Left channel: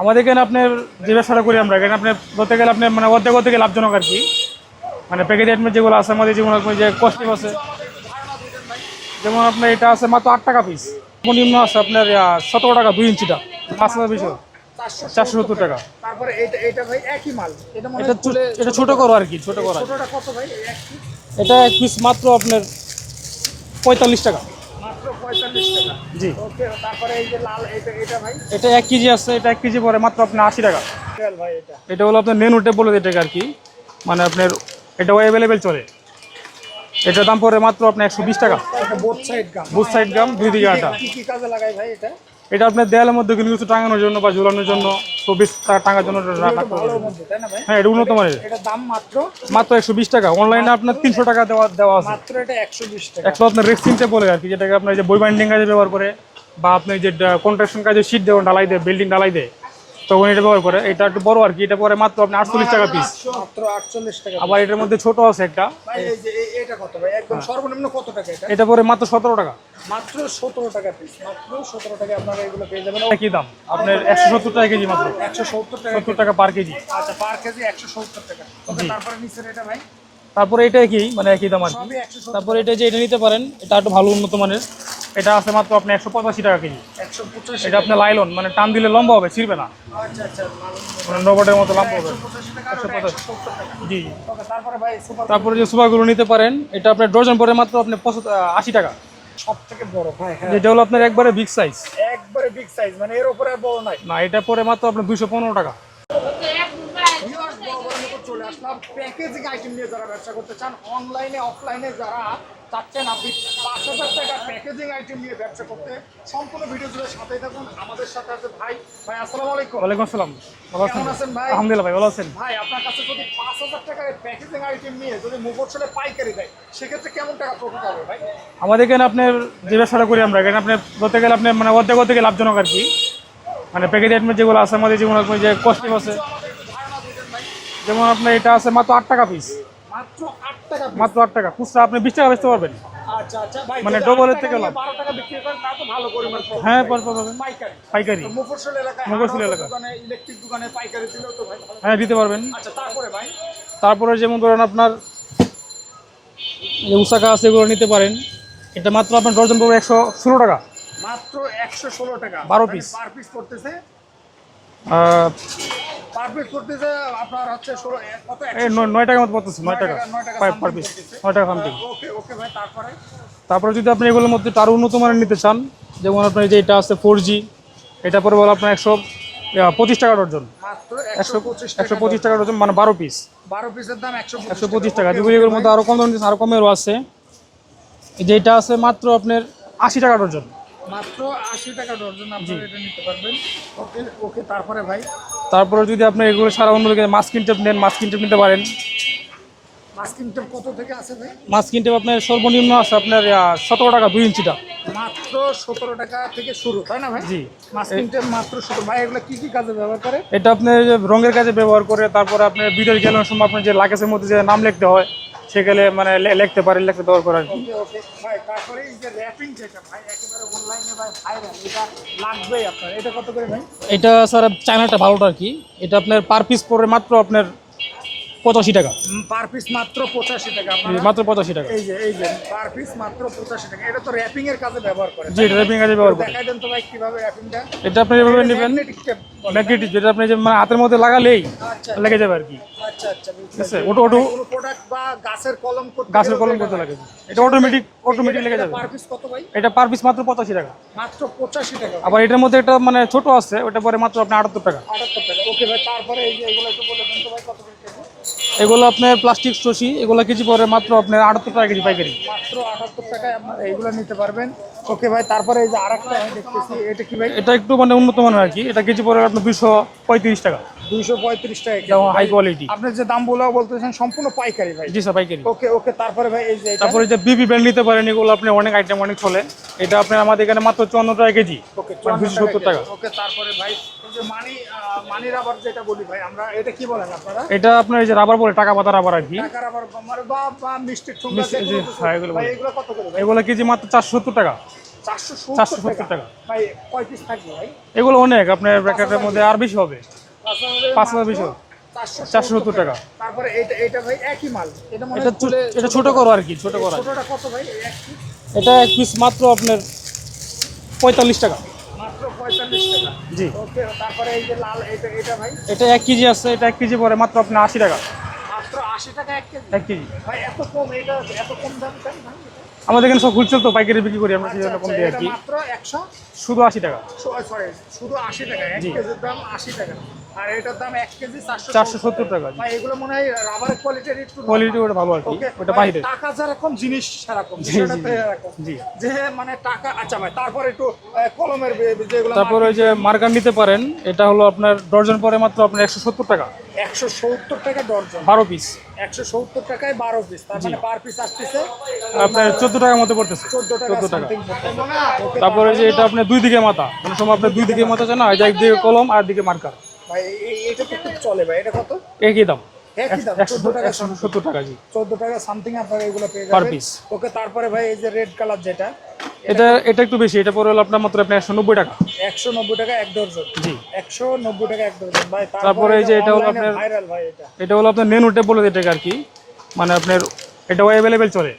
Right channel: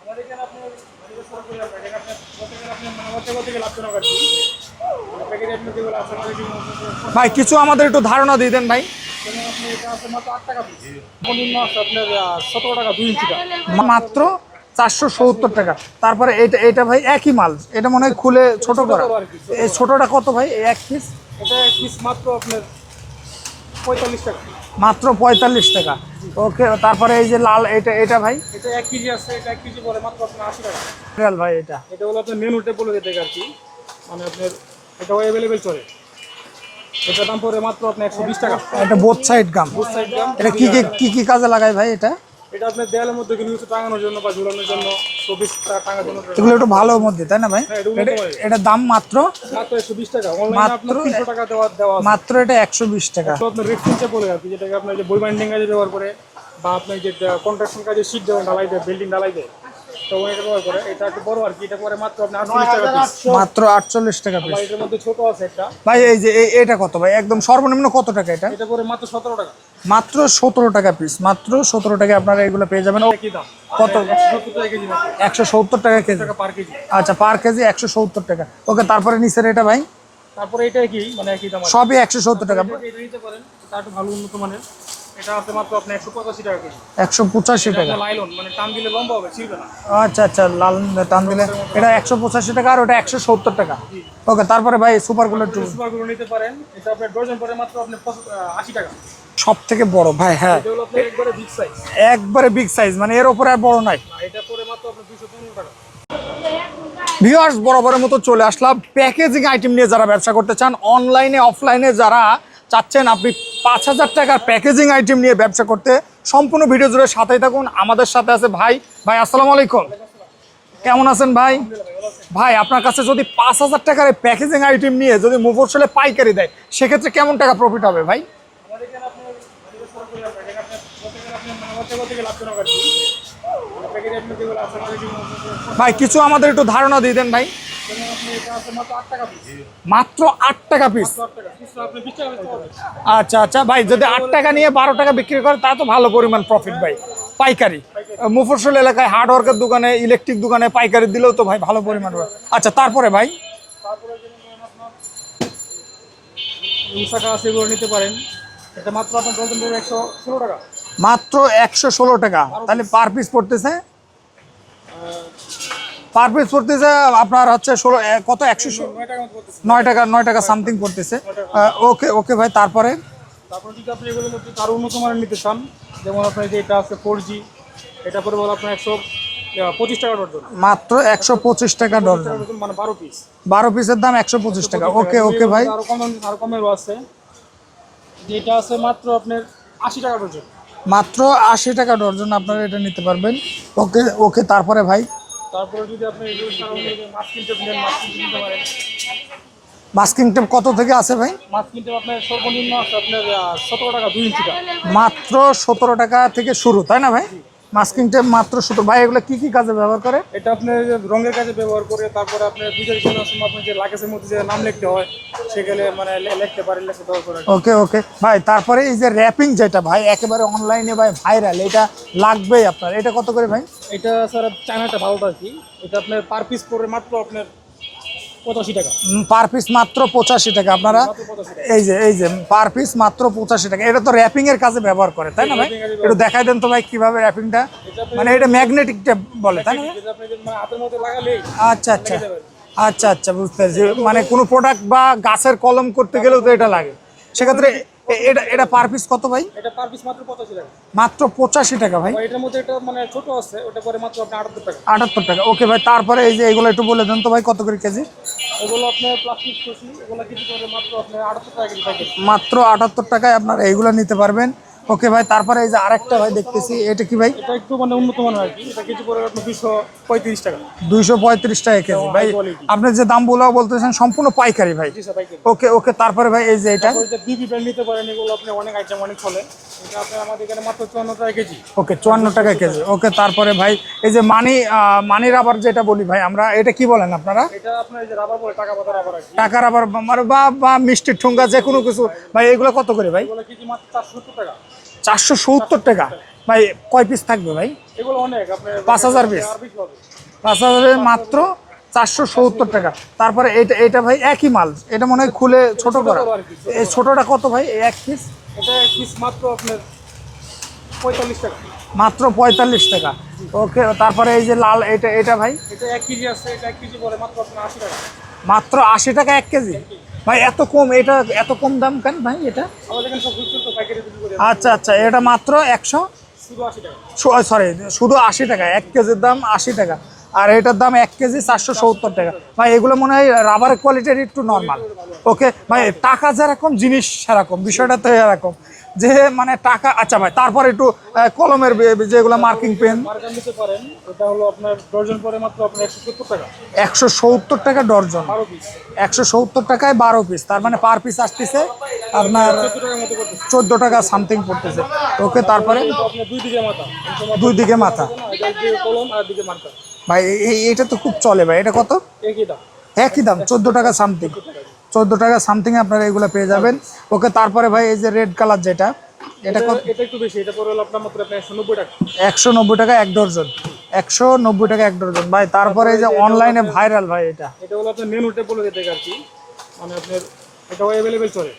আমাদের এখানে আপনার যে ব্যবসাটা করি আমরা এখানে আপনার বলতে গেলে আপনি মানে অর্ধেক অর্ধেক লাভজনক আর কি। মানে প্যাকেজ আইটেম যেগুলো আছে আমাদের যেমন আপনার যে আছে, কিছু আমাদের একটু ধারণা দিয়ে দেন ভাই। যেমন আপনার এটা আছে মাত্র আট টাকা পিস নিম্ন আছে আপনার সতেরো টাকা দুই ইঞ্চিটা। মাত্র চারশো সত্তর টাকা। তারপরে এটা এটা ভাই একই মাল। এটা মনে হয় খুলে ছোট করো। আর কি। ছোটটা কত ভাই? এক পিস এটা এক পিস মাত্র আপনার পঁয়তাল্লিশ টাকা। মাত্র পঁয়তাল্লিশ টাকা। জি। ওকে তারপরে এই যে লাল এটা এটা ভাই? এটা এক কেজি আছে এটা এক কেজি পরে মাত্র আপনার আশি টাকা। রিয়াল ভাই এটা। এটা হলো আপনার মেনু টেবল এটাকে আর কি। মানে আপনার এটাও অ্যাভেলেবেল চলে। এটার দাম পরে মাত্র আপনার একশো বিশ টাকা। এটা both side gum both side gum এটা কি কি- কি কি কাজে লাগায় ভাই এটা? এটা আপনার দেয়ালের মধ্যে কিন্তু কিছু টাঙানোর জন্য বা ঝুলানোর জন্য চব্বিশ টাকা টাঙার জন্য একটু ভালো মধ্যে তাই না ভাই? হ্যাঁ এটা উন্নত মানের। এটা দাম মাত্র? মাত্র একশো বিশ টাকা। অনলাইনে আপনার তিনশো টাকা দেওয়া দেওয়া মাত্র এটা একশো বিশ টাকা। একশো আপনার রেক্সিন বলে আর কি যেটাকে আপনার যে বই বাইন্ডিং কাজে ব্যবহার করে বা আপনি যে কন্ট্রাকশন কাজে সিট দেবেন ঢালাই দেয় বিল্ডিং ঢালাই দেয়। তখন এটা ব্যবহার করে। এটা একটু বড় আর কি এটা পরে মাত্র আপনি আটচল্লিশ টাকা পিস মাত্র আটচল্লিশ টাকা আবার এটার মধ্যে ছোট আছে একটা। ভাই এই যে এটা কত ভাই? একদম সর্বনিম্ন কত টাকা এটা? এটা পরে মাত্র সতেরো টাকা। মাত্র সতেরো টাকা পিস মাত্র সতেরো টাকা আপনারা এগুলো পেয়ে যাবেন। কি দাম? কত? একশো সত্তর টাকা কেজি মাত্র। একশো সত্তর টাকা কেজি। টাকা পার কেজি। আচ্ছা পার কেজি একশো সত্তর টাকা। ওকে তারপরে নিচের এটা ভাই? তারপরে এটা কি? মানে একই দাম সবই একশো সত্তর টাকা। এটা যে এটা নিতে পারেন এটা একটু ভালো উন্নত মানের। এটা আছে মাত্র আপনি একশো পঁচাশি টাকা কেজি। একশো পঁচাশি টাকা। লাইলন মানে টান দিলে লম্বা হবে ছিড়বে না। আচ্ছা আচ্ছা লাল টান রোবটের মতো এটা একশো পঁচাশি টাকা আর ওটা একশো সত্তর টাকা। জি ওকে তারপরে ভাই সুপার তারপরে যে সুপারগুলো নিতে পারেন এটা আপনার ডজন পরে মাত্র আপনি আশি টাকা। সব থেকে বড় ভাই হ্যাঁ। এটা হলো আপনার একবারে বিগ সাইজ একবারে বিগ সাইজ মানে এর উপরে আর বড় নাই। না এটা পরে মাত্র আপনার দুইশো পনেরো টাকা। ভিউয়ার্স বরাবরের মতো চলে আসলাম। প্যাকেজিং আইটেম নিয়ে যারা ব্যবসা করতে চান অনলাইনে অফলাইনে যারা চাচ্ছেন আপনি পাঁচ হাজার টাকার প্যাকেজিং আইটেম নিয়ে ব্যবসা করতে সম্পূর্ণ ভিডিও জুড়ে সাথেই থাকুন। আমাদের সাথে আছে ভাই। ভাই আসসালামু আলাইকুম। ওয়ালাইকুম আসসালাম। কেমন আছেন ভাই? ভাই ভালো আছেন। ভাই আপনার কাছে যদি পাঁচ হাজার টাকার প্যাকেজিং আইটেম নিয়ে যদি মুফসলে পাইকারি দেয় সেক্ষেত্রে কেমন টাকা প্রফিট হবে ভাই? আমাদের এখানে আপনার যে ব্যবসাটা করি আমরা এখানে আপনার বলতে গেলে আপনার মানে অর্ধেক অর্ধেক লাভজনক আর কি। মানে প্যাকেজ আইটেম যেগুলো আছে আমাদের যেমন যে ভাই কিছু আমাদের একটু ধারণা দিয়ে দেন ভাই। যেমন আপনার এটা আছে মাত্র আট টাকা পিস মাত্র আট টাকা পিস মাত্র আট টাকা। খুচরা আপনি বিশ টাকা বেচতে পারবেন। আচ্ছা আচ্ছা ভাই যদি আট টাকা নিয়ে বারো টাকা বিক্রি করে তা তো ভালো পরিমাণ প্রফিট হ্যাঁ, পারব। পাইকারি। পাইকারি। মুফসল এলাকায় হার্ডওয়ার্কের দোকানে ইলেকট্রিক দোকানে পাইকারি দিলেও তো ভাই ভালো হ্যাঁ, দিতে পারবেন। আচ্ছা তারপরে ভাই? তারপরে যেমন ধরেন আপনার উসাকা আছে এগুলো নিতে পারেন। এটা মাত্র আপনার ডজন পড়বে একশো ষোলো টাকা। মাত্র একশো ষোলো টাকা। তাহলে পার পিস পড়তেছে? পার পিস পড়তেছে আপনার হচ্ছে ষোলো কত একশো নয়- টাকার মতো পড়তেছে নয় টাকা নয় টাকা সামথিং পড়তেছে। ওকে ওকে ভাই তারপরে? তারপরে যদি আপনি এগুলোর মধ্যে আরও উন্নত মানের নিতে চান যেমন আপনার যে এটা আছে ফোর জি এটা পরে বলে আপনার একশো পঁচিশ টাকা ডজন। মাত্র একশো পঁচিশ টাকা পঁচিশ টাকা ডজন। মানে বারো পিস বারো পিসের দাম একশো পঁচিশ পঁচিশ টাকা। আরও কম আরও কমেরও আছে। এই যে এটা আছে মাত্র আপনার আশি টাকা ডজন। মাত্র আশি টাকা ডর্জন আপনারা এটা নিতে পারবেন। ওকে ওকে তারপরে ভাই? তারপরে যদি আপনার এগুলো সারা অন্য মাস্কিং টেপ নেন মাস্কিং টেপ নিতে পারেন। মাস্কিং টেপ কত থেকে আছে ভাই? মাস্কিং টেপ আপনার সর্বনিম্ন আছে আপনার সতেরো টাকা দুই ইঞ্চিটা। মাত্র সতেরো টাকা থেকে শুরু তাই না ভাই? জি। মাস্কিং টেপ মাত্র সুতো ভাই এগুলো কি কি কাজে ব্যবহার করে? এটা আপনার যে রঙের কাজে ব্যবহার করে তারপরে আপনার বিটের গেলার সময় আপনার যে লাগেজের মধ্যে যে নাম লিখতে হয় সেখানে মানে লিখতে পারে লিখতে ব্যবহার করে ওকে ওকে। ভাই তারপরে এই যে র্যাপিং যেটা ভাই একেবারে অনলাইনে ভাই ভাইরাল এটা লাগবেই আপনার। এটা কত করে ভাই? এটা স্যার চায়নাটা ভালোটা আর কি। এটা আপনার পার পিস পরে মাত্র আপনার পঁচাশি টাকা। পার পিস মাত্র পঁচাশি টাকা। আপনারা মাত্র পঁচাশি টাকা। এই যে এই যে পার পিস মাত্র পঁচাশি টাকা। এটা তো র্যাপিং এর কাজে ব্যবহার করে দেখাই দেন তো ভাই কীভাবে র্যাপিংটা এটা আপনি মানে এটা বলে যেটা আপনি যে মানে হাতের মধ্যে লাগালেই আচ্ছা আচ্ছা। লেগে যাবে আর কি। আচ্ছা আচ্ছা বুঝতে পারছি। মানে কোনো প্রোডাক্ট বা গাছের কলম করতে গেলেও তো এটা লাগে। এটা। পার পিস কত ভাই? এটা পার পিস মাত্র টাকা। মাত্র পঁচাশি টাকা ভাই। এটার মধ্যে এটা মানে ছোট আছে ওটা পরে মাত্র আপনার আটাত্তর টাকা। আটাত্তর টাকা। ওকে ভাই তারপরে এই যে এগুলো একটু বলে দেন তো ভাই কত করে কেজি? এগুলো আপনার প্লাস্টিক শশি এগুলো কেজি পরে মাত্র আপনার আটাত্তর টাকা কেজি পাইকারি। মাত্র আটাত্তর টাকায় আপনারা এইগুলো নিতে পারবেন। ওকে ভাই তারপরে এই যে আরেকটা ভাই দেখতেছি এটা কি ভাই? এটা একটু মানে উন্নত মানের আর কি। এটা কেজি পরে আপনার দুশো পঁয়ত্রিশ টাকা। দুইশো পঁয়ত্রিশ টাকা কেজি। ভাই quality। আপনি যে দামগুলো বলতেছেন সম্পূর্ণ পাইকারি ভাই। জি স্যার পাইকারি। ওকে ওকে তারপরে ভাই এই যে এটা? তারপরে যে বিবি ব্র্যান্ড নিতে পারেন এগুলো আপনি অনেক আইটেম অনেক চলে। এটা আপনার আমাদের এখানে মাত্র চুয়ান্ন টাকা কেজি। ওকে চুয়ান্ন টাকা কেজি। ওকে তারপরে ভাই এই যে মানি মানি রাবার যেটা বলি ভাই আমরা এটা কি বলেন আপনারা? এটা আপনার এই যে রাবার বলে টাকা পাতা রাবার আর কি। টাকা রাবার বা- মানে বা বা মিষ্টির ঠুঙ্গা যে কোনো কিছু। হ্যাঁ, ভাই এগুলো কত করে ভাই? এগুলো কেজি মাত্র চারশো সত্তর টাকা। চারশো সত্তর টাকা। ভাই কয় পিস থাকবে ভাই এগুলো অনেক আপনার পাঁচ হাজার? আর বেশি হবে পাঁচ হাজারের মাত্র চারশো সত্তর টাকা। তারপরে এটা এটা ভাই একই মাল এটা মনে হয় খুলে ছোট- করা। আর কি। ছোটটা কত ভাই এক পিস এটা এক পিস মাত্র আপনার পঁয়তাল্লিশ টাকা মাত্র পঁয়তাল্লিশ টাকা জি। ওকে তারপরে এই যে লাল এটা এটা ভাই এটা এক কেজি আছে এটা এক কেজি পরে মাত্র আপনার আশি টাকা মাত্র আশি টাকা এক কেজি? ভাই এত কম এটা এত কম দাম কেন ভাই এটা? আমাদের এখানে সব খুলছিল তো পাইকারি বিক্রি করি আচ্ছা আচ্ছা এটা মাত্র একশো? শুধু আশি টাকা। সরি শুধু আশি টাকা এক কেজির দাম আশি টাকা। আর এটার দাম এক কেজি চারশো সত্তর টাকা। ভাই এগুলো মনে হয় রাবার কোয়ালিটির একটু। ওকে ভাই টাকা যেরকম জিনিস সেরকম বিষয়টা তো এরকম। যে মানে টাকা আচ্ছা ভাই তারপর একটু কলমের যেগুলো মার্কার নিতে পারেন এটা হলো আপনার ডর্জন পরে মাত্র আপনার একশো সত্তর টাকা। একশো সত্তর টাকা ডর্জন। বারো পিস একশো সত্তর টাকায় বারো পিস তার মানে পার পিস আসতেছে আপনার চোদ্দ টাকার মতো পড়তেছে। চোদ্দ টাকা সামথিং পড়তেছে। ওকে তারপরে এটা আপনার দুই দিকে মাথা। আপনার দুই দিকে মাথা। জানা এটা একদিকে কলম আর দিকে মার্কার ভাই এই এটা তো খুব চলে ভাই। এটা কত? একই দাম। একই দাম চোদ্দ টাকা সামথিং চোদ্দ টাকা সামথিং আপনারা এগুলো পেয়ে যাবেন। ওকে তারপরে ভাই এই যে রেড কালার যেটা এটা এটা একটু বেশি এটা পরে হলো আপনার মাত্র একশো নব্বই টাকা। একশো নব্বই টাকা এক ডর্জন জি। একশো নব্বই টাকা এক ডর্জন ভাই তারপরে এই যে এটা অনলাইনে ভাইরাল ভাই এটা। এটা হলো আপনার নেন উঠে বলে দিতে আর কি। মানে আপনার এটাও অ্যাভেলেবেল চলে।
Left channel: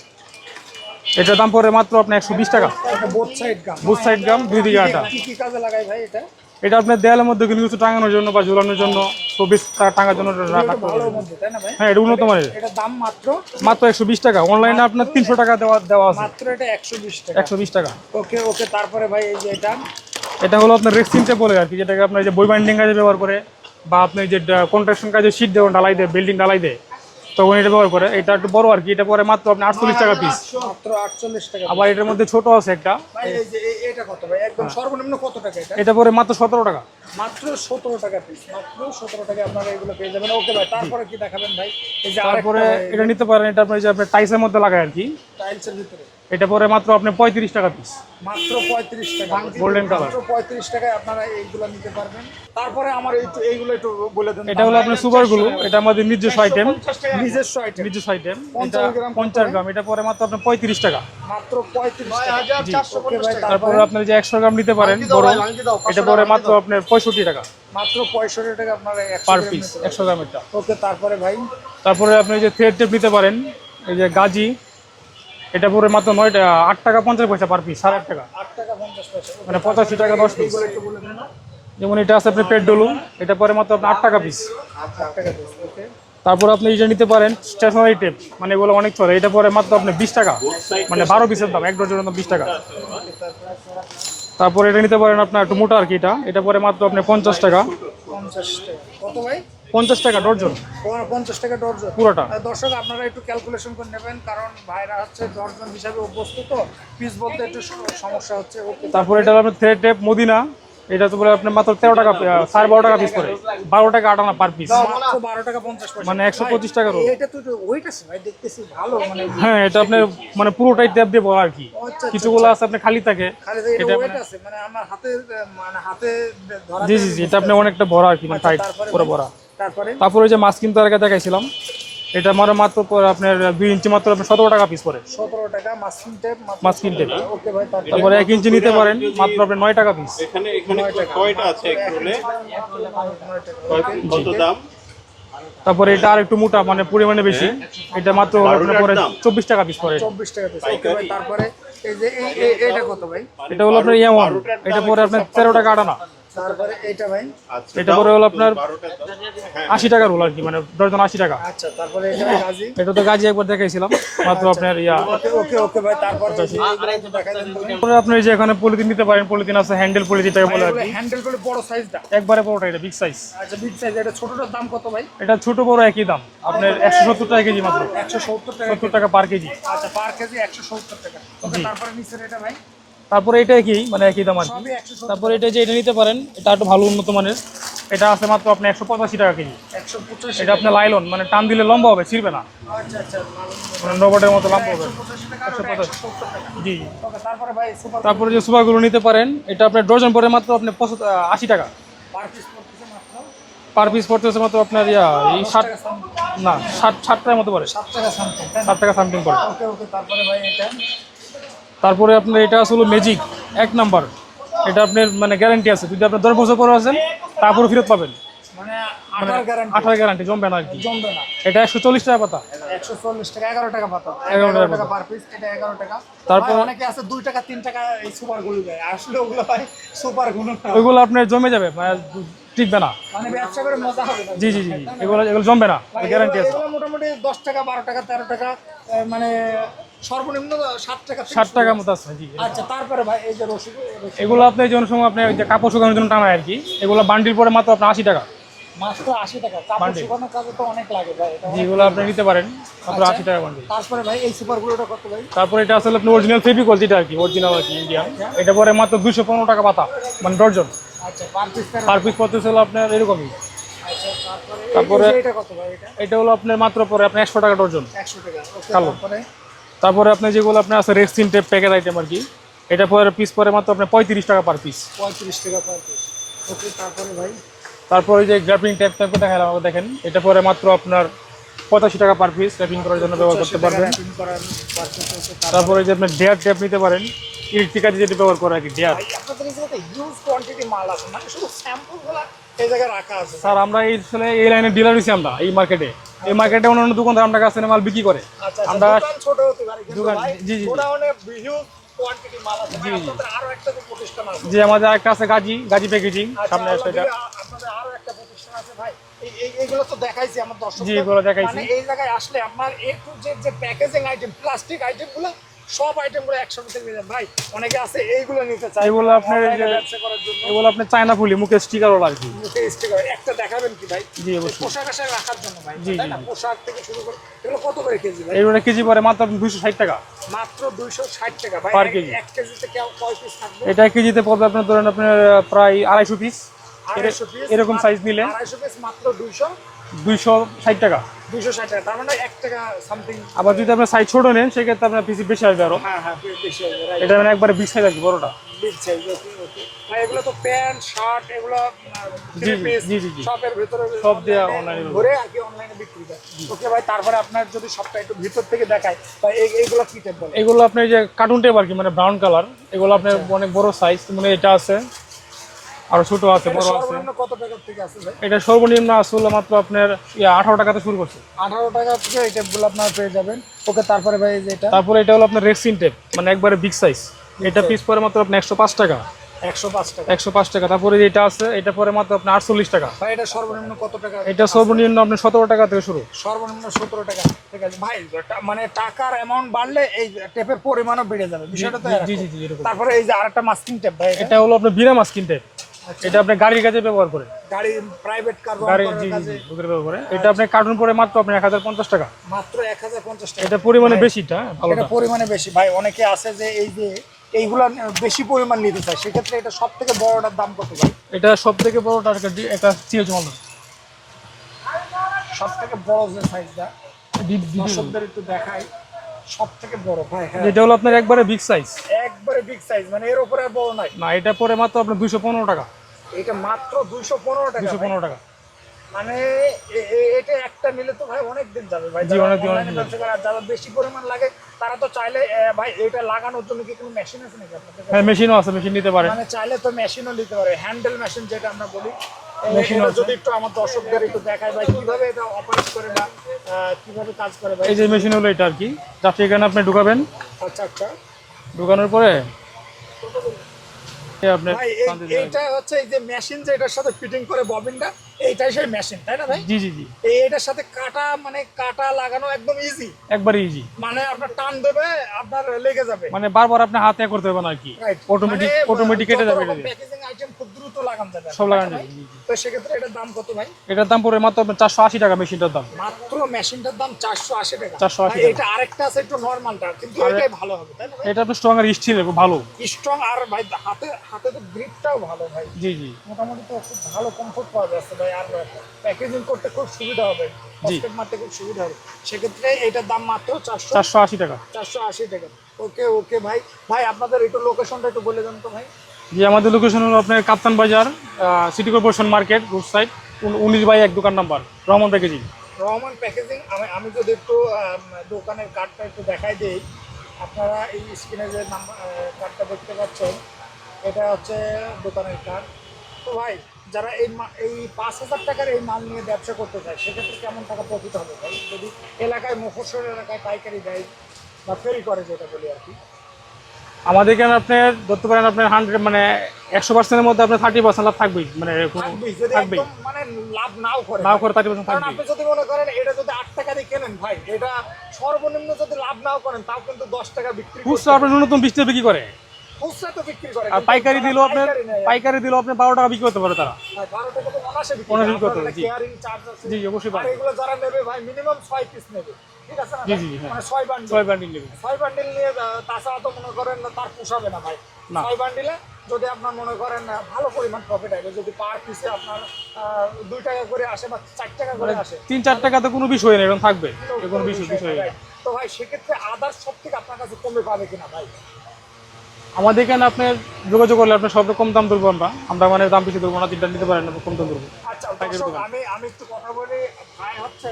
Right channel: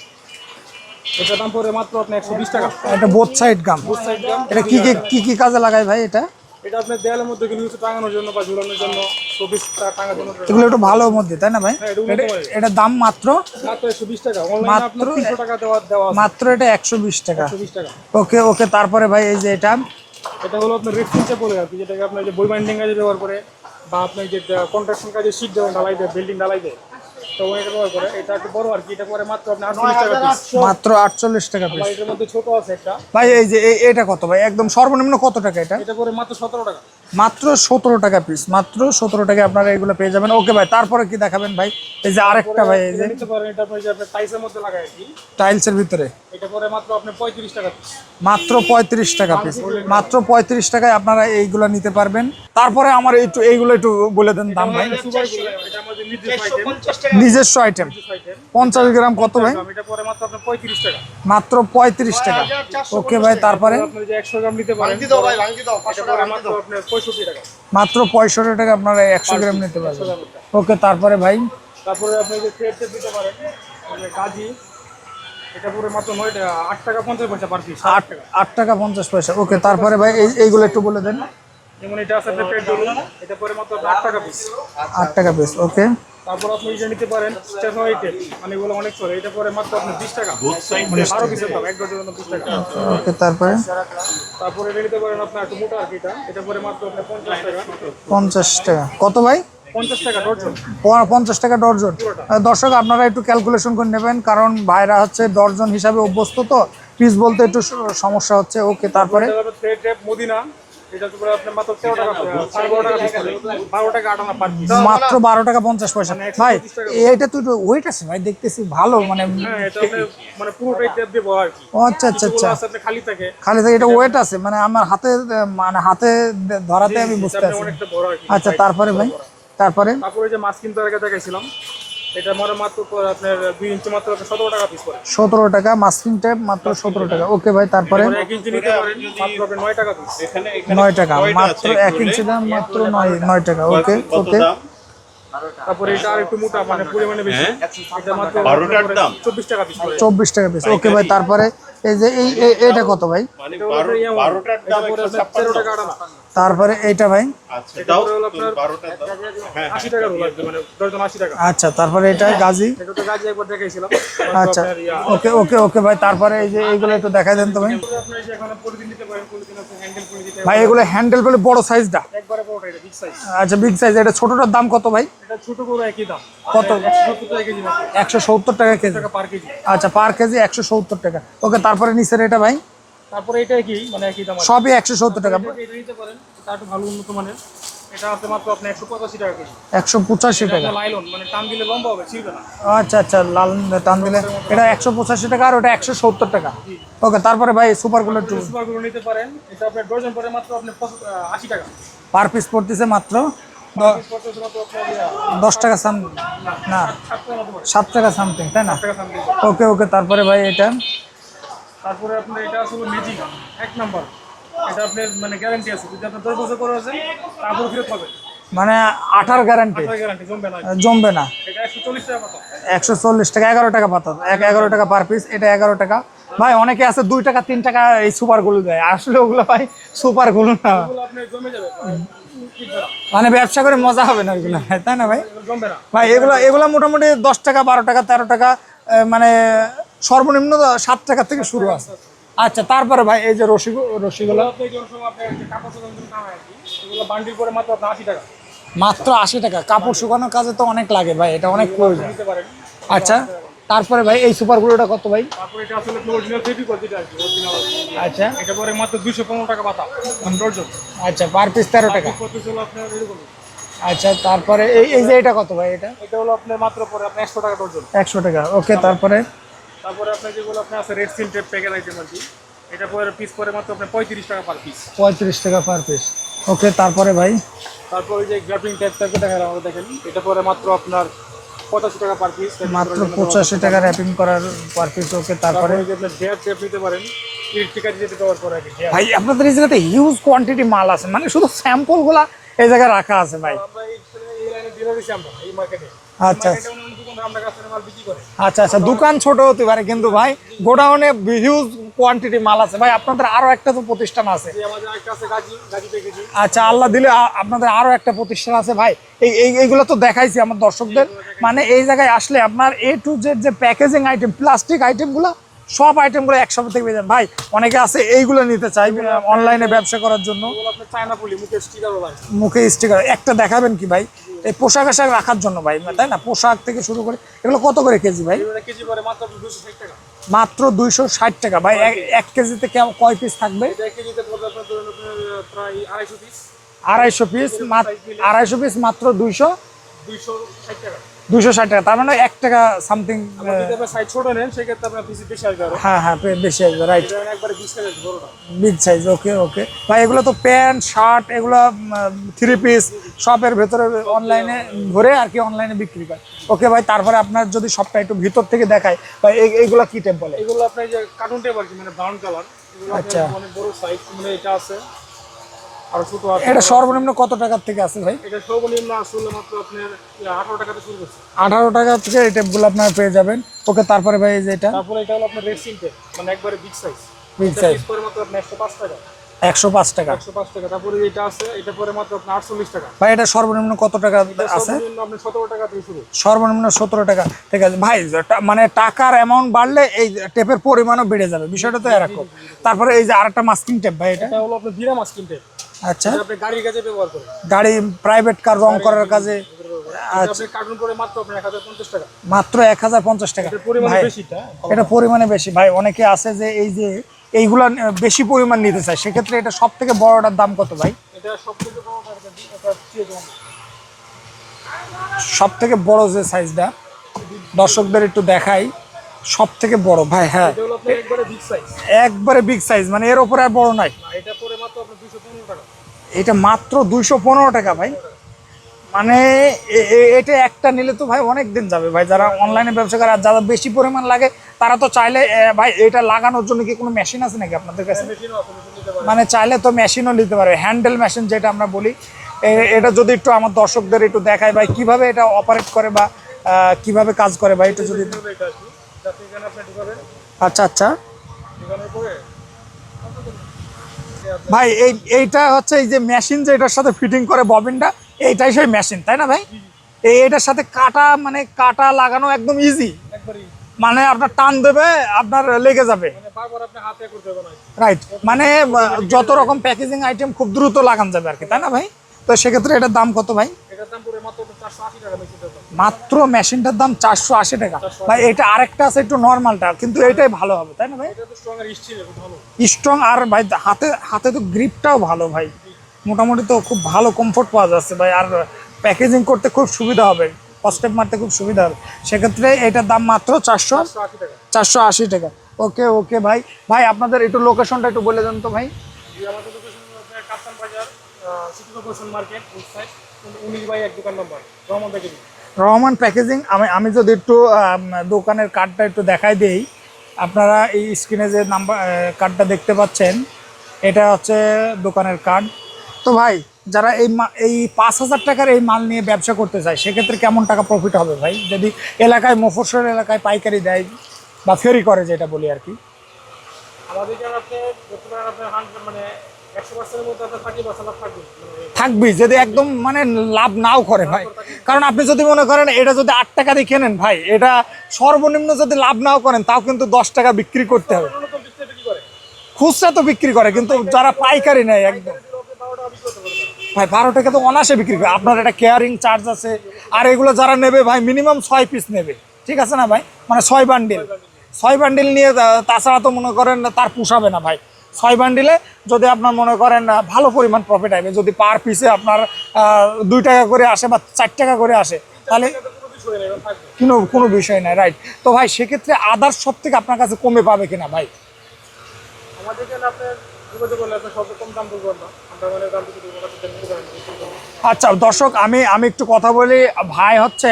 এটার দাম পরে মাত্র আপনার একশো বিশ টাকা। এটা both side gum both side এটা কি- কি কি কাজে লাগায় ভাই এটা? এটা আপনার দেয়ালের মধ্যে কিন্তু কিছু টাঙানোর জন্য বা ঝুলানোর জন্য টাঙার জন্য এগুলো একটু ভালো মধ্যে তাই না ভাই? হ্যাঁ এটা উন্নত মানের। এটা দাম মাত্র মাত্র একশো বিশ টাকা। অনলাইনে আপনার তিনশো টাকা দেওয়া দেওয়া মাত্র এটা একশো বিশ টাকা। একশো বিশ টাকা। ওকে ওকে তারপরে ভাই এই যে এটা। এটা হলো আপনার রেক্সিন বলে আর কি যেটাকে আপনার যে বই বাইন্ডিং কাজে ব্যবহার করে বা আপনি যে কন্ট্রাকশন কাজে শীট দেবেন ঢালাই দেয় বিল্ডিং ঢালাই দেয়। তখন এটা ব্যবহার করে। এটা একটু বড় আর কি এটা পরে মাত্র আপনি আটচল্লিশ টাকা পিস মাত্র আটচল্লিশ টাকা আবার এটার মধ্যে ছোট আছে একটা। ভাই এই যে এটা কত ভাই? একদম সর্বনিম্ন কত টাকা এটা? এটা পরে মাত্র সতেরো টাকা। মাত্র সতেরো টাকা পিস মাত্র সতেরো টাকা আপনারা এগুলো পেয়ে যাবেন। ওকে ভাই তারপরে কি দেখাবেন ভাই? এই যে আরেকটা ভাই এটা নিতে পারেন এটা আপনি যে আপনার টাইসের মধ্যে লাগায় আর কি। টাইলসের ভিতরে। এটা পরে মাত্র আপনি পঁয়ত্রিশ টাকা পিস মাত্র পঁয়ত্রিশ টাকা পিস মাত্র পঁয়ত্রিশ টাকায় আপনারা এইগুলো নিতে পারবেন। তারপরে আমার একটু এইগুলো একটু বলে দেন এটা হলো আপনার এটা আমাদের নিজস্ব আইটেম নিজস্ব আইটেম নিজস্ব আইটেম পঞ্চাশ গ্রাম কত ভাই এটা পরে মাত্র আপনার পঁয়ত্রিশ টাকা। মাত্র পঁয়ত্রিশ টাকা। ওকে ভাই তারপরে? আপনি যে একশো গ্রাম নিতে পারেন এটা পরে মাত্র আপনার পঁয়ষট্টি টাকা। মাত্র পঁয়ষট্টি টাকা আপনারা একশো গ্রাম নিতে একশো গ্রামেরটা ওকে তারপরে ভাই? তারপরে আপনি যে থ্রেড টেপ নিতে পারেন এই যে গাজি। এটা পরে মাত্র নয় আট টাকা পঞ্চাশ পয়সা পার পিস আট টাকা। আট টাকা পঞ্চাশ পয়সা। ওকে তারপরে ভাই এইগুলো একটু বলে দেন। যেমন এটা আছে আপনি পেট ডলু এটা পরে মাত্র আপনার আট টাকা পিস আট টাকা পিস ওকে। তারপর আপনি এটা নিতে পারেন স্টেশনারি টেপ মানে এগুলো অনেক চলে। এটা পরে মাত্র আপনি বিশ টাকা মানে বারো পিসের দাম এক ডজনের দাম বিশ টাকা। ওকে তারপরে? তারপরে এটা নিতে পারেন আপনার একটু মোটা আর কি এটা। এটা পরে মাত্র আপনি পঞ্চাশ টাকা। পঞ্চাশ টাকা। কত ভাই? পঞ্চাশ টাকা ডর্জন। পঞ্চাশ টাকা ডর্জন। পুরোটা। দর্শক আপনারা একটু ক্যালকুলেশন করে নেবেন কারণ ভাইরা হচ্ছে ডর্জন হিসাবে অভ্যস্ত তো পিস বলতে একটু সমস্যা হচ্ছে ওকে তারপরে এটা আপনার থ্রেড টেপ মদিনা এটা তো মাত্র টাকা সাড়ে বারো টাকা পিস করে। বারো টাকা আট পার পিস মাত্র বারো টাকা পঞ্চাশ পয়সা। মানে একশো ভাই, পঁচিশ টাকা করে। তো ওয়েট আছে ভাই দেখতেছি ভালো মানে হ্যাঁ এটা মানে পুরোটাই ট্যাপ দিয়ে আর কি? আচ্ছা আচ্ছা কিছুগুলো আছে আপনার খালি থাকে। খালি থেকে এটা ওয়েট আছে মানে আমার হাতে মানে হাতে ধরাতে আমি বুঝতে আপনি অনেকটা বড় আর কি আচ্ছা তারপরে ভাই। তারপরে? তারপরে যে মাছ কিনতে আগে দেখাইছিলাম। এটা আমার মাত্র পরে আপনার দুই ইঞ্চি মাত্র আপনার সতেরো টাকা পিস পরে সতেরো টাকা মাস্কিং টেপ মাত্র সতেরো টাকা। ওকে ভাই তারপরে? এক ইঞ্চি নিতে পারেন মাত্র আপনার নয় টাকা পিস নয় টাকা মাত্র এক ইঞ্চি দাম মাত্র নয় নয় টাকা। ওকে ওকে তারপরে এটা আর একটু মোটা মানে পরিমাণে বেশি। এটা মাত্র পরে চব্বিশ টাকা পিস পরে চব্বিশ টাকা পিস ওকে ভাই তারপরে এই যে এই এইটা কত ভাই? এটা হলো আপনার ইয়ে এটা পরে আপনার তেরো টাকা আটানা। তারপরে এইটা ভাই? এটা পরে হলো আপনার আশি টাকা রোল আর কি মানে দশজন আশি টাকা। আচ্ছা তারপরে এটা গাজি? এটা তো গাজি একবার দেখাইছিলাম। আচ্ছা। ইয়া ওকে ওকে ওকে ভাই তারপরে এই যে এইগুলো একটু দেখাই দেন তো ভাই। আপনি যে এখানে পলিথিন নিতে পারেন পলিথিন আছে হ্যান্ডেল পলিথিন ভাই এগুলো হ্যান্ডেল করে বড় সাইজটা একবারে বড়টা এটা বিগ সাইজ আচ্ছা বিগ সাইজ এটা ছোটটার দাম কত ভাই? এটা ছোট বড় একই দাম। কত? একশো সত্তর টাকা কেজি মাত্র। একশো সত্তর টাকা কেজি। টাকা পার কেজি। আচ্ছা পার কেজি একশো সত্তর টাকা। ওকে তারপরে নিচের এটা ভাই? তারপরে এটা একই মানে একই দাম কি। সবই একশো সত্তর টাকা। এটা যে এটা নিতে পারেন এটা একটু ভালো উন্নত মানের। এটা আছে মাত্র আপনি একশো পঁচাশি টাকা কেজি। একশো পঁচাশি টাকা। লাইলন মানে টান দিলে লম্বা হবে ছিড়বে না। আচ্ছা আচ্ছা লাল টান রোবটের মতো এটা একশো পঁচাশি টাকা আর ওটা একশো সত্তর টাকা। জি ওকে তারপরে ভাই সুপার তারপরে যে সুপারগুলো নিতে পারেন এটা আপনার ডজন পরে মাত্র আপনি আশি টাকা। পার পিস পড়তেছে মাত্র? পার পিস পড়তেছে মাত্র আপনার ইয়া দশ ষাট- টাকা সাম না ষাট ষাট টাকার মতো পড়ে। সাত টাকা সামথিং তাই না? টাকা সামথিং পড়ে। ওকে ওকে তারপরে ভাই এটা তারপরে আপনার এটা আসলে ম্যাজিক এক নাম্বার এটা আপনার মানে গ্যারান্টি আছে। যদি আপনার দশ বছর পরে আছেন তারপরে ফেরত পাবেন। মানে আঠার গ্যারান্টি আঠার গ্যারান্টি জমবে না জমবে না। এটা একশো চল্লিশ টাকা পাতা। একশো চল্লিশ টাকা এগারো টাকা পাতা। এগারো টাকা পার পিস এটা এগারো টাকা। ভাই অনেকে আছে দুই টাকা তিন টাকা এই সুপারগুলো দেয়। আসলে ওগুলো ভাই সুপারগুলো না। ওইগুলো আপনার জমে যাবে মানে টিকবে না। মানে ব্যবসা করে মজা হবে না জি জি তাই না ভাই? এগুলো জমবে না। ভাই এগুলো এগুলো মোটামুটি দশ টাকা বারো টাকা তেরো টাকা মানে সর্বনিম্ন সাত টাকা থেকে ষাট মতো আছে আচ্ছা তারপরে ভাই এই যে রসিক এগুলো আপনি সময় আপনি কাপড় শুকানোর জন্য টানায় আর কি এগুলো বান্ডিল পরে মাত্র আপনার আশি টাকা। মাত্র আশি টাকা। কাপড় শুকানোর কাজে তো অনেক লাগে ভাই এটা অনেক আপনি নিতে পারেন আচ্ছা 80 টাকা বান্ডিল। তারপরে ভাই এই সুপার গুলোটা কত ভাই? তারপরে এটা আসলে আপনি অরিজিনাল ফেভিকল যেটা আর কি অরিজিনাল আর কি আচ্ছা। এটা পরে মাত্র দুইশো পনেরো টাকা পাতা মানে ডর্জন। আচ্ছা পার পিস তেরো টাকা। পিস পড়তেছে হলো আপনার এরকমই। আচ্ছা তারপরে এই এই যে এটা কত ভাই এটা? এটা হলো আপনার মাত্র পরে আপনার একশো টাকা ডর্জন। একশো টাকা ওকে তারপরে? তারপরে আপনার যেগুলো আপনার আছে রেক্সিন টেপ প্যাকেট আইটেম আর কি এটা পরে পিস পরে মাত্র আপনার পঁয়ত্রিশ টাকা পার পিস পঁয়ত্রিশ টাকা পার পিস ওকে তারপরে ভাই? তারপরে যে গ্রাফিং টেপ ট্যাপে দেখেন আমাকে দেখেন এটা পরে মাত্র আপনার পঁচাশি টাকা পার পিস পঁচাশি টাকা র্যাপিং করার পার পিস ওকে তারপরে? যে আপনি ডেয়ার টেপ নিতে পারেন ইলেকট্রিকা যেটা ব্যবহার করে আর কি ডেয়ার ভাই আপনাদের এই জায়গাতে হিউজ কোয়ান্টিটি মাল আছে মানে শুধু স্যাম্পলগুলা এই জায়গায় রাখা আছে আর আমরা এই আসলে এই লাইনে ডিলার হয়েছি আমরা এই মার্কেটে মার্কেটে অন্যান্য দোকানদার আমরা কাছে মাল বিক্রি করে। আচ্ছা আচ্ছা দোকান ছোট হতে পারে কিন্তু ভাই গোডাউনে হিউজ কোয়ান্টিটি মাল আছে। ভাই আপনাদের আরও একটা তো প্রতিষ্ঠান আছে। যে আমাদের একটা আছে গাজী গাজী প্যাকেজিং আচ্ছা আল্লাহ দিলে আপনাদের আরও একটা প্রতিষ্ঠান আছে ভাই। এই এই- এইগুলো তো দেখাইছি আমার দর্শকদের। মানে এই জায়গায় আসলে আপনার এ টু জেড যে প্যাকেজিং আইটেম প্লাস্টিক আইটেমগুলো সব আইটেমগুলো একসাথে থেকে পেয়ে যাবেন ভাই অনেকে আছে এইগুলো নিতে চায় এগুলো অনলাইনে ব্যবসা করার জন্য। এগুলো আপনি চায়না ফুলি মুখে স্টিকার আর কি। মুখে স্টিকার একটা দেখাবেন কি ভাই? এই পোশাক আশাক রাখার জন্য ভাই তাই না? পোশাক থেকে শুরু করে এগুলো কত করে কেজি ভাই? এগুলো কেজি পরে মাত্র দুশো ষাট টাকা। মাত্র দুইশো ষাট টাকা ভাই এক- কেজিতে কেমন- কয় পিস থাকবে? এটা কেজিতে পড়বে আপনার ধরেন আপনার প্রায় আড়াইশো পিস আড়াইশো পিস এরকম size নিলে? আড়াইশো পিস মাত্র দুইশো। দুইশো ষাট টাকা। দুইশো ষাট টাকা তার মানে এক টাকা সামথিং আবার যদি আপনার সাইজ ছোট নেন সেক্ষেত্রে আপনার পিসি বেশি আসবে আরও। হ্যাঁ হ্যাঁ বেশি আসবে রাইট এটা মানে একবারে বিগ সাইজ আসবে বড়টা। বিগ সাইজ ওকে ওকে ভাই এগুলো তো প্যান্ট শার্ট এগুলো থ্রি পিস। শপের ভেতরে অনলাইনে online-এ আর কি অনলাইনে বিক্রি করে ওকে ভাই তারপরে আপনার যদি সবটা একটু ভিতর থেকে দেখায় ভাই এইগুলা কি টাইপ বলে? এগুলো আপনার যে কার্টুন টেপ আর কি মানে ব্রাউন কালার এগুলো আপনার আচ্ছা। অনেক বড় সাইজ মানে এটা আছে। আর ছোট আছে এটা সর্বনিম্ন কত টাকার থেকে আছে ভাই? এটা সর্বনিম্ন আসলে মাত্র আপনার আঠারো টাকাতে শুরু করছে। আঠারো টাকা থেকে এই টেপগুলো আপনার পেয়ে যাবেন। ওকে তারপরে ভাই যে এটা? তারপরে এটা হলো আপনার রেক্সিন টেপ মানে একবারে বিগ সাইজ এটা পিস পরে মাত্র আপনার একশো পাঁচ টাকা। একশো পাঁচ টাকা। একশো পাঁচ টাকা। তারপরে এটা আছে এটা পরে মাত্র আপনার আটচল্লিশ টাকা। ভাই এটা সর্বনিম্ন কত টাকা এটা সর্বনিম্ন আপনার সতেরো টাকা থেকে শুরু। সর্বনিম্ন সতেরো টাকা। ঠিক আছে। ভাই মানে টাকার অ্যামাউন্ট বাড়লে এই টেপের পরিমাণও বেড়ে যাবে। বিষয়টা তো এরকম। তারপরে এই যে আরেকটা মাস্কিং টেপ ভাই এটা? হলো আপনার বিনা মাস্কিন টেপ আচ্ছা। এটা আপনি গাড়ির কাজে ব্যবহার গাড়ি প্রাইভেট কার রং করার কাজে। ব্যবহার। করে। এটা আপনি কার্টুন পরে মাত্র হাজার পঞ্চাশ টাকা। মাত্র এক হাজার পঞ্চাশ টাকা। এটা পরিমাণে বেশিটা এটা পরিমাণে বেশি। ভাই অনেকে আছে যে এই যে এইগুলো বেশি পরিমাণ নিতে চায় সেক্ষেত্রে এটা সব থেকে বড়টার দাম কত ভাই? এটা সব থেকে বড়টা সিএচ মাল সব থেকে বড় যে সাইজটা দর্শকদের একটু দেখাই সব থেকে বড়। ভাই হ্যাঁ। এটা হলো আপনার একবারে বিগ সাইজ একবারে বিগ সাইজ মানে এর উপরে আর বড় নাই। না এটা পরে মাত্র আপনার দুইশো পনেরো টাকা। এটা মাত্র দুইশো পনেরো টাকা ভাই। মানে এটা একটা নিলে তো ভাই অনেক দিন যাবে ভাই। যারা অনলাইনে ব্যবসা করে আর যারা বেশি পরিমাণ লাগে তারা তো চাইলে ভাই এটা লাগানোর জন্য কি কোনো মেশিন আছে নাকি আপনাদের কাছে? হ্যাঁ মেশিনও আছে মেশিন নিতে পারে। মানে চাইলে তো মেশিনও নিতে পারবে হ্যান্ডেল মেশিন যেটা আমরা বলি এটা যদি একটু আমার দর্শকদের একটু দেখায় ভাই কীভাবে এটা অপারেট করে বা কীভাবে কাজ করে ভাই? মেশিন হলো এটা আর কি। যাতে এখানে আপনি ঢুকাবেন। আচ্ছা আচ্ছা। ঢুকানোর পরে ভাই এই এইটা হচ্ছে এই যে মেশিন যে এটার সাথে ফিটিং করে ববিনটা এইটাই সেই মেশিন তাই না ভাই? জি জি জি। এই এটার সাথে কাটা মানে কাটা লাগানো একদম ইজি একবারে ইজি মানে আপনার টান দেবে আপনার লেগে যাবে। মানে বারবার আপনি হাতে করতে হবে না কি। রাইট মানে যত রকম প্যাকেজিং আইটেম খুব দ্রুত লাগান যাবে আর কি, তাই না ভাই? তো সেক্ষেত্রে এটার দাম কত ভাই? এটার দাম পড়ে মাত্র চারশো আশি টাকা মেশিনটার দাম। মাত্র মেশিনটার দাম চারশো আশি টাকা। 480 ভাই এটা আরেকটা আছে একটু নর্মালটা কিন্তু এটাই ভালো হবে তাই না ভাই? এটা আপনার স্ট্রং আর স্টিল ভালো। স্ট্রং আর ভাই হাতে হাতে তো গ্রিপটাও ভালো ভাই। জি জি। মোটামুটি তো খুব ভালো কমফোর্ট পাওয়া যাচ্ছে ভাই আর প্যাকেজিং করতে খুব সুবিধা হবে। স্টেপ মারতে খুব সুবিধা হবে। সেক্ষেত্রে এটার দাম মাত্র চারশো চারশো আশি টাকা। চারশো আশি টাকা। ওকে ওকে ভাই। ভাই আপনাদের একটু লোকেশনটা একটু বলে দেন তো ভাই। জি আমাদের লোকেশন হলো আপনার Kaptan Bazar city corporation market road side উনিশ বাই এক দোকান number, Rahman packaging Rahman packaging আমি আমি যদি একটু দোকানের কার্ডটা একটু দেখাই দেই, আপনারা এই স্ক্রিনে যে নাম্বার কার্ডটা দেখতে পাচ্ছেন, এটা হচ্ছে দোকানের কার্ড তো ভাই, যারা এই এই পাঁচ হাজার টাকার এই মাল নিয়ে ব্যবসা করতে চায়, সেক্ষেত্রে কেমন টাকা প্রফিট হবে ভাই? যদি এলাকায় মফস্বল এলাকায় পাইকারি দেয় বা ফেরি করে, যেটা বলি আর কি। আমাদের এখানে আপনি ধরতে পারেন আপনার হান্ড্রেড মানে একশো পার্সেন্টের মধ্যে আপনার থার্টি পার্সেন্ট লাভ থাকবেই মানে থাকবি যদি একদম মানে লাভ নাও করে নাও ভাই। করে 30% কারণ আপনি যদি মনে করেন এটা যদি আট টাকা দিয়ে কেনেন ভাই এটা সর্বনিম্ন যদি লাভ নাও করেন তাও কিন্তু দশ টাকা বিক্রি করতে হবে। আপনার ন্যূনতম বিশ টাকা বিক্রি করে। খুচরা তো বিক্রি করে কিন্তু যারা পাইকারি নেয় পাইকারি দিলেও আপনি বারো টাকা বিক্রি করতে পারে তারা। ভাই বারো টাকা তো অনাসে বিক্রি করে। আপনার একটা কেয়ারিং চার্জ আছে। আর এগুলো যারা নেবে ভাই মিনিমাম ছয় পিস নেবে। ঠিক আছে না ভাই? হ্যাঁ। মানে ছয় বান্ডিল ছয় বান্ডিল নিয়ে তাছাড়া তো মনে করেন তার পোষাবে না ভাই। ছয় বান্ডিলে যদি আপনার মনে করেন ভালো পরিমাণ প্রফিট আসবে যদি পার পিসে আপনার দুই টাকা করে আসে বা চার টাকা করে আসে তিন চার টাকা তো কোনো বিষয় নেই থাকবে। কোনো কোনো বিষয় নেই রাইট তো ভাই সেক্ষেত্রে আদার্স সব থেকে আপনার কাছে কমে পাবে কিনা ভাই? আমাদের এখানে আপনার যোগাযোগ করলে আপনার সব কম দাম ধরবো আমরা। আমরা মানে দাম বেশি ধরবো না তিনটা নিতে পারেন কম দাম আচ্ছা দর্শক আমি আমি একটু কথা বলি। ভাই হচ্ছে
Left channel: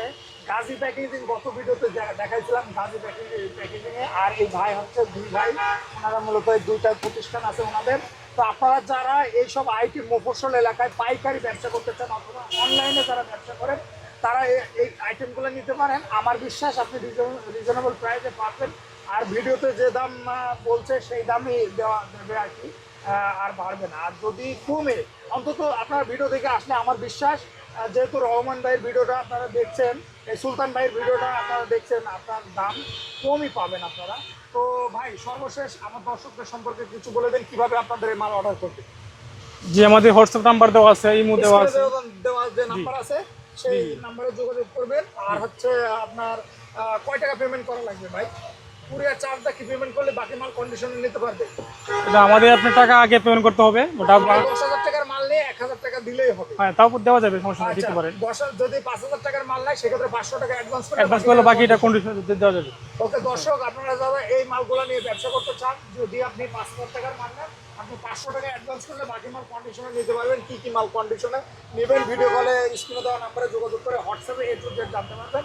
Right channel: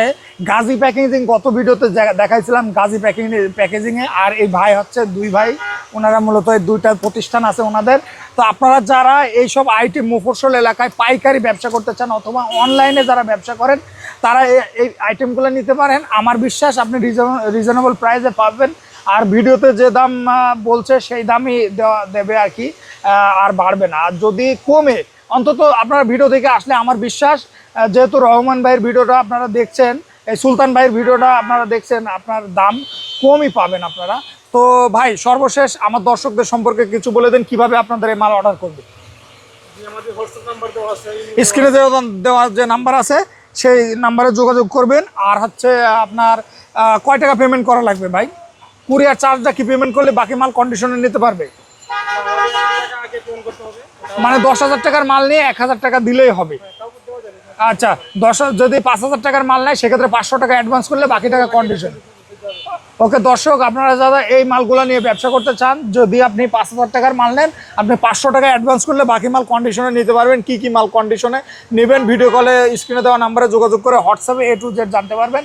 গাজী প্যাকেজিং গত ভিডিওতে দেখা- দেখাইছিলাম গাজী প্যাকিং প্যাকেজিংয়ে আর এই ভাই হচ্ছে দুই ভাই, ওনারা মূলত দুইটা প্রতিষ্ঠান আছে ওনাদের। তো আপনারা যারা এইসব আইটি মুফসল এলাকায় পাইকারি ব্যবসা করতে চান অথবা অনলাইনে যারা ব্যবসা করেন, তারা এই- আইটেমগুলো নিতে পারেন। আমার বিশ্বাস আপনি রিজনেবল প্রাইসে পাবেন। আর ভিডিওতে যে দাম বলছে সেই দামই দেবে আর কি আর বাড়বে না। আর যদি কমে, অন্তত আপনারা ভিডিও থেকে আসলে আমার বিশ্বাস যেহেতু রহমান ভাইয়ের ভিডিওটা আপনারা দেখছেন এই সুলতান ভাইয়ের ভিডিওটা আপনারা দেখছেন আপনার দাম কমই পাবেন আপনারা। তো ভাই সর্বশেষ আমার দর্শকদের সম্পর্কে কিছু বলে দেন কীভাবে আপনাদের এই মাল অর্ডার করবে? যে আমাদের হোয়াটসঅ্যাপ নাম্বার দেওয়া আছে স্ক্রিনে দেওয়া দেওয়া যে নাম্বার আছে সেই নাম্বারে যোগাযোগ করবেন। আর হচ্ছে আপনার কয় টাকা পেমেন্ট করা লাগবে ভাই? কুরিয়ার চার্জটা কি পেমেন্ট করলে বাকি মাল কন্ডিশনে নিতে পারবে? আমাদের আপনার টাকা আগে পেমেন্ট করতে হবে মানে দশ হাজার টাকার মাল নিয়ে এক হাজার টাকা দিলেই হবে। হ্যাঁ তাও দেওয়া যাবে আচ্ছা দশ যদি পাঁচ হাজার টাকার মাল নেয় সেক্ষেত্রে পাঁচশো টাকা অ্যাডভান্স করলে বাকি টাকা বাকিটা দেওয়া যাবে। ওকে দর্শক আপনারা যারা এই মালগুলো নিয়ে ব্যবসা করতে চান যদি আপনি পাঁচ হাজার টাকার মাল নেন আপনি পাঁচশো টাকা অ্যাডভান্স করলে বাকি মাল কন্ডিশনে নিতে পারবেন। কি কি মাল কন্ডিশনে নেবেন ভিডিও কলে স্ক্রিনে দেওয়া নাম্বারে যোগাযোগ করে হোয়াটসঅ্যাপে এ টু জেড জানতে পারবেন।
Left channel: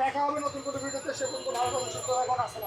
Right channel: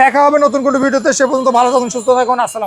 দেখা হবে নতুন কোনো ভিডিওতে সে পর্যন্ত ভালো থাকুন সুস্থ থাকুন আসসালাম